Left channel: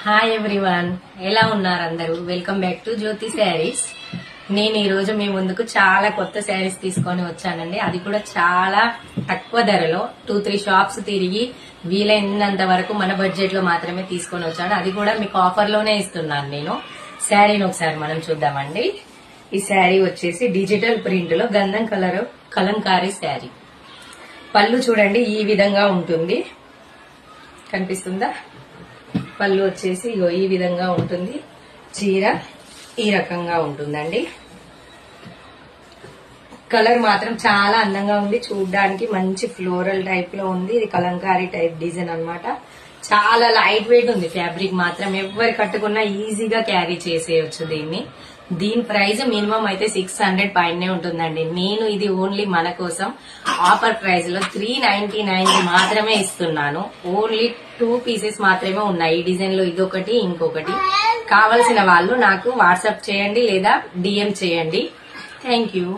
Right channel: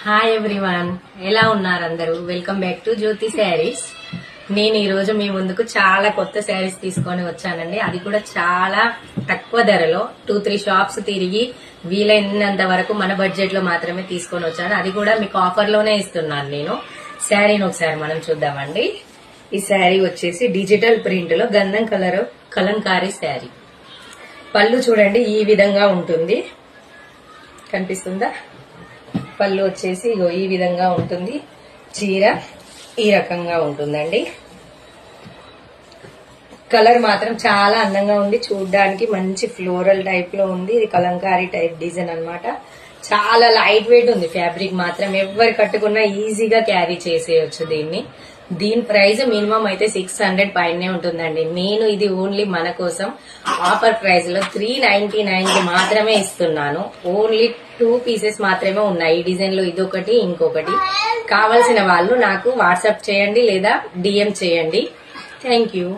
Hi everyone, ఎలా ఉన్నారు అందరూ? వెల్కమ్ బ్యాక్ టు జ్యోతి శారీస్. నేను ఈ రోజు మీ ముందుకు చాలా కొత్త శారీస్ తీసుకొని వచ్చానండి. అది కూడా చాలా తక్కువ ధరలో 2-3 షాప్స్ తిరిగి వీలైనంత వరకు మన బడ్జెట్ లో మాత్రమే తీసుకొని వచ్చాను. అది కూడా మీకు ఆఫర్ లోనే ఇస్తున్నాను. నేను శారీని ఒకసారి మనం చూద్దామండి. ఈ శారీ వచ్చేసి డిజిటల్ ప్రింట్ లో గంధం కలర్ కలంకారీ శారీ. పళ్ళు చూడండి ఈ విధంగా ఉంటుంది, కనిపిస్తుందా? పళ్ళు వచ్చేసి ఇగో ఈ విధంగా ఉంటుంది. చీర ఈ రకంగా ఉంటుందండి. కలర్ మాత్రం చాలా అందంగా ఉంది, చూడడానికి మంచి ఫ్లోరల్ టైప్ లో ఉంది. ఇది కలంకారీ టైప్ డిజైన్ అన్నమాట. చాలా లైట్ వెయిట్ ఉంది ఫ్యాబ్రిక్ మాత్రం. ఎవరు కట్టుకున్నా ఈజీగా క్యారీ చేసేయచ్చు దీన్ని. దీని ప్రైస్ మినిమం అయితే 600 పైనే ఉంటుందండి. నేను ఇది ఓన్లీ మన కోసం ఆఫర్ ప్రైస్ లో 399 మాత్రమే ఇస్తున్నాను. ఓన్లీ 2 పీసెస్ మాత్రమే ఉన్నాయి. ఈ డిజైన్ లో ఇదొకటి, ఇంకొకటి. కావాల్సిన వాళ్ళు నాకు వాట్సాప్ చేయండి లేదా డిఎం చేయండి. Thank you.